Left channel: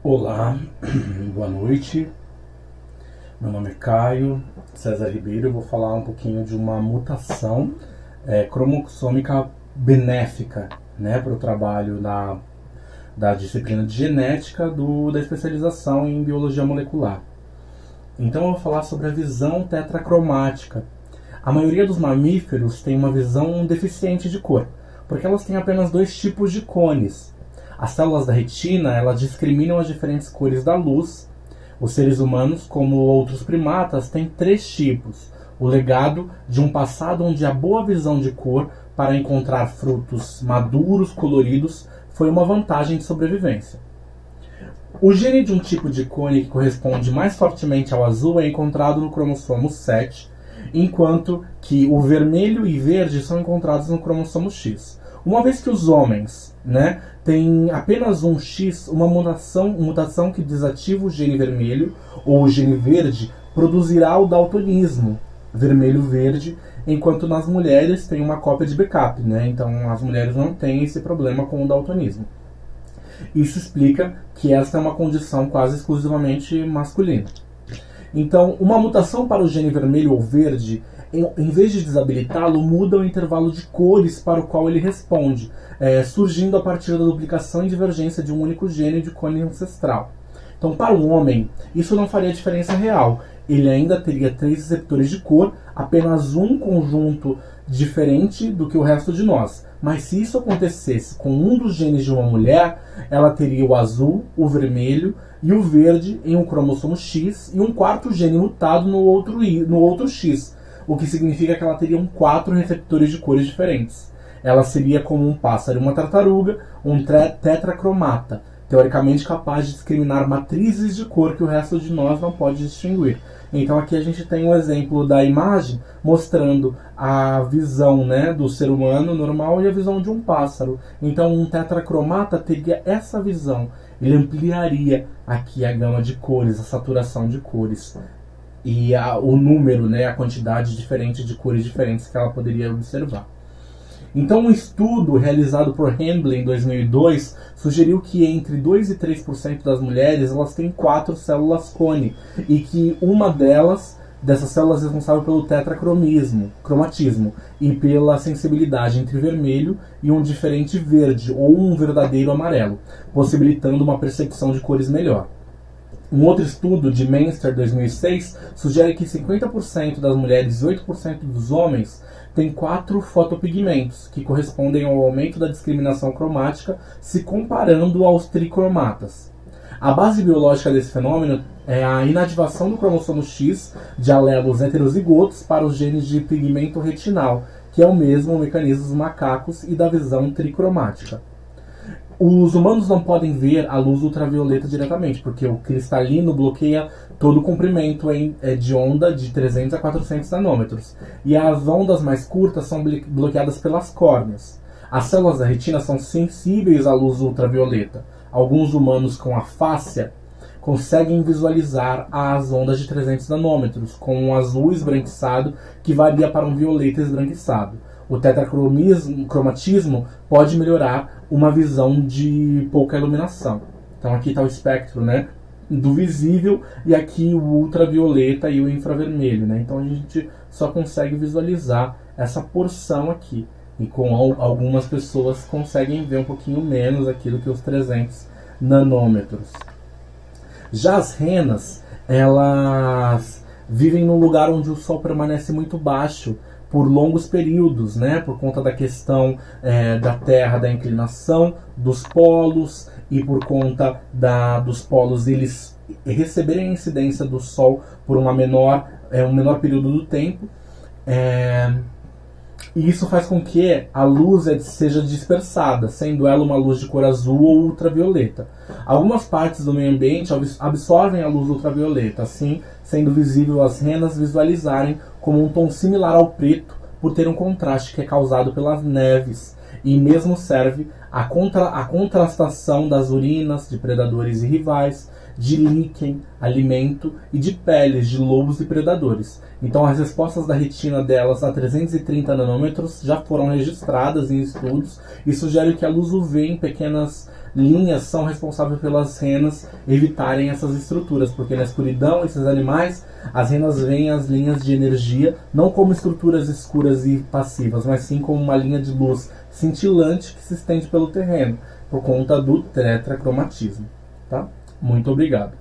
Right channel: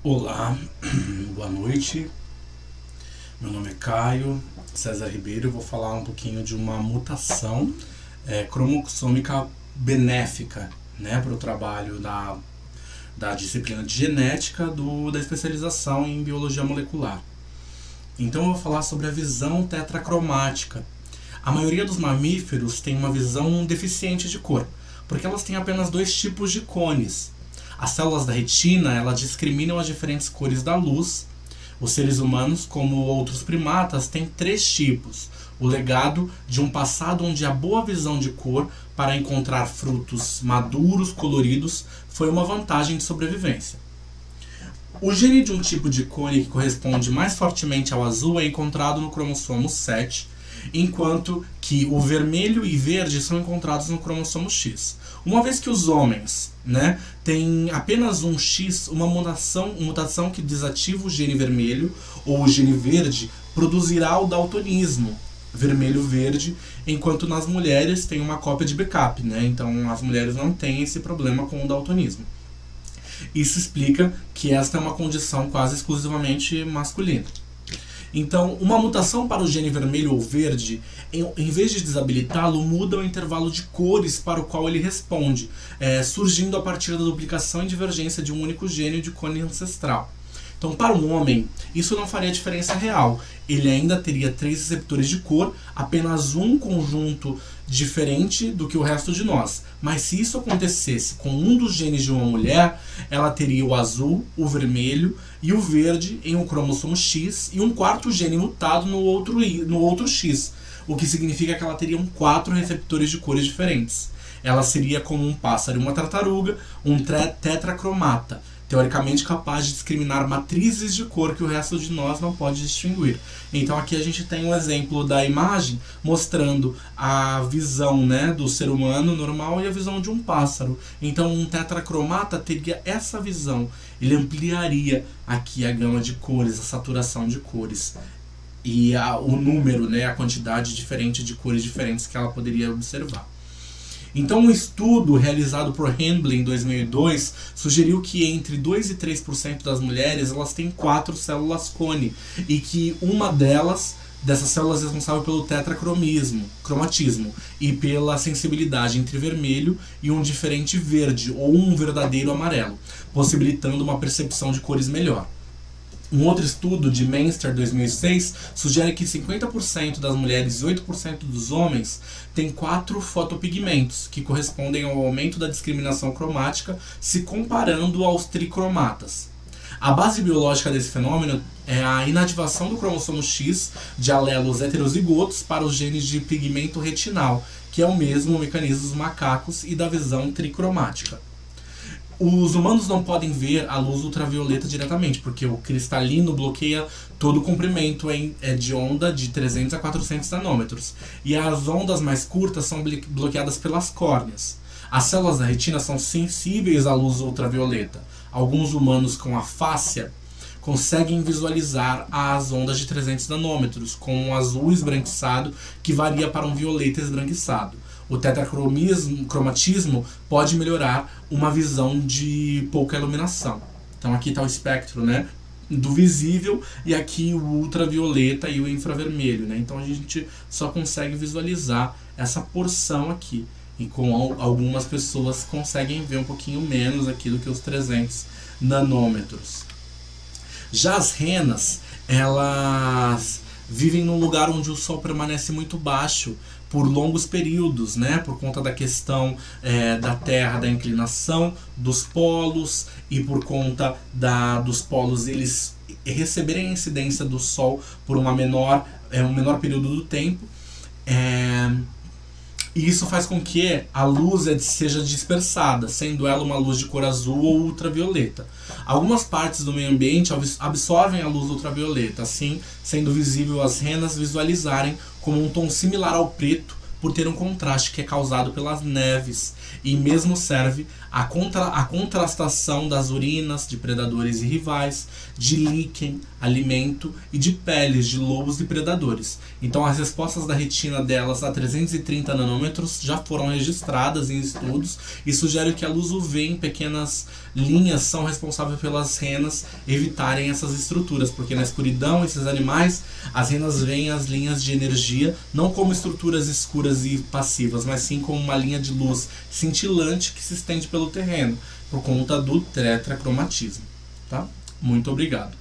Olá, boa noite. Meu nome é Caio César Ribeiro. Eu vou falar um pouquinho de uma mutação cromossômica benéfica, né, para o trabalho da disciplina de genética da especialização em biologia molecular. Então eu vou falar sobre a visão tetracromática. A maioria dos mamíferos tem uma visão deficiente de cor, porque elas têm apenas dois tipos de cones. As células da retina, elas discriminam as diferentes cores da luz. Os seres humanos, como outros primatas, têm três tipos. O legado de um passado onde a boa visão de cor para encontrar frutos maduros, coloridos, foi uma vantagem de sobrevivência. O gene de um tipo de cone que corresponde mais fortemente ao azul é encontrado no cromossomo 7, enquanto que o vermelho e verde são encontrados no cromossomo X. Uma vez que os homens, têm apenas um X, uma mutação que desativa o gene vermelho ou o gene verde produzirá o daltonismo vermelho-verde, enquanto nas mulheres tem uma cópia de backup, Então as mulheres não têm esse problema com o daltonismo. Isso explica que esta é uma condição quase exclusivamente masculina. Então, uma mutação para o gene vermelho ou verde, em vez de desabilitá-lo, muda o intervalo de cores para o qual ele responde, surgindo a partir da duplicação e divergência de um único gene de cone ancestral. Então, para um homem, isso não faria diferença real. Ele ainda teria 3 receptores de cor, apenas um conjunto diferente do que o resto de nós. Mas se isso acontecesse com um dos genes de uma mulher, ela teria o azul, o vermelho e o verde em um cromossomo X e um quarto gene mutado no outro X, o que significa que ela teria 4 receptores de cores diferentes. Ela seria como um pássaro e uma tartaruga, um tetracromata, teoricamente capaz de discriminar matrizes de cor que o resto de nós não pode distinguir. Então aqui a gente tem um exemplo da imagem mostrando a visão do ser humano normal e a visão de um pássaro. Então um tetracromata teria essa visão. Ele ampliaria aqui a gama de cores, a saturação de cores. E o número, a quantidade diferente de cores diferentes que ela poderia observar. Então, um estudo realizado por Handley em 2002 sugeriu que entre 2 e 3% das mulheres elas têm 4 células cone e que uma dessas células é responsável pelo cromatismo e pela sensibilidade entre vermelho e um diferente verde ou um verdadeiro amarelo, possibilitando uma percepção de cores melhor. Um outro estudo de Menster 2006 sugere que 50% das mulheres e 8% dos homens têm 4 fotopigmentos, que correspondem ao aumento da discriminação cromática se comparando aos tricromatas. A base biológica desse fenômeno é a inativação do cromossomo X de alelos heterozigotos para os genes de pigmento retinal, que é o mesmo mecanismo dos macacos e da visão tricromática. Os humanos não podem ver a luz ultravioleta diretamente, porque o cristalino bloqueia todo o comprimento de onda de 300 a 400 nanômetros. E as ondas mais curtas são bloqueadas pelas córneas. As células da retina são sensíveis à luz ultravioleta. Alguns humanos com afásia conseguem visualizar as ondas de 300 nanômetros, com um azul esbranquiçado que varia para um violeta esbranquiçado. O tetracromatismo pode melhorar uma visão de pouca iluminação. Então aqui está o espectro do visível e aqui o ultravioleta e o infravermelho. Então a gente só consegue visualizar essa porção aqui. E com algumas pessoas conseguem ver um pouquinho menos aqui do que os 300 nanômetros. Já as renas, elas vivem num lugar onde o sol permanece muito baixo por longos períodos, por conta da questão da Terra, da inclinação dos polos e por conta dos polos eles receberem a incidência do sol por um menor período do tempo. E isso faz com que a luz seja dispersada, sendo ela uma luz de cor azul ou ultravioleta. Algumas partes do meio ambiente absorvem a luz ultravioleta, assim sendo visível as renas visualizarem como um tom similar ao preto por ter um contraste que é causado pelas neves E mesmo serve a contrastação das urinas de predadores e rivais, de líquen, alimento e de peles de lobos e predadores. Então as respostas da retina delas a 330 nanômetros já foram registradas em estudos e sugere que a luz UV em pequenas linhas são responsáveis pelas renas evitarem essas estruturas, porque na escuridão esses animais, as renas veem as linhas de energia não como estruturas escuras e passivas, mas sim como uma linha de luz cintilante que se estende pelo terreno, por conta do tetracromatismo. Tá? Muito obrigado.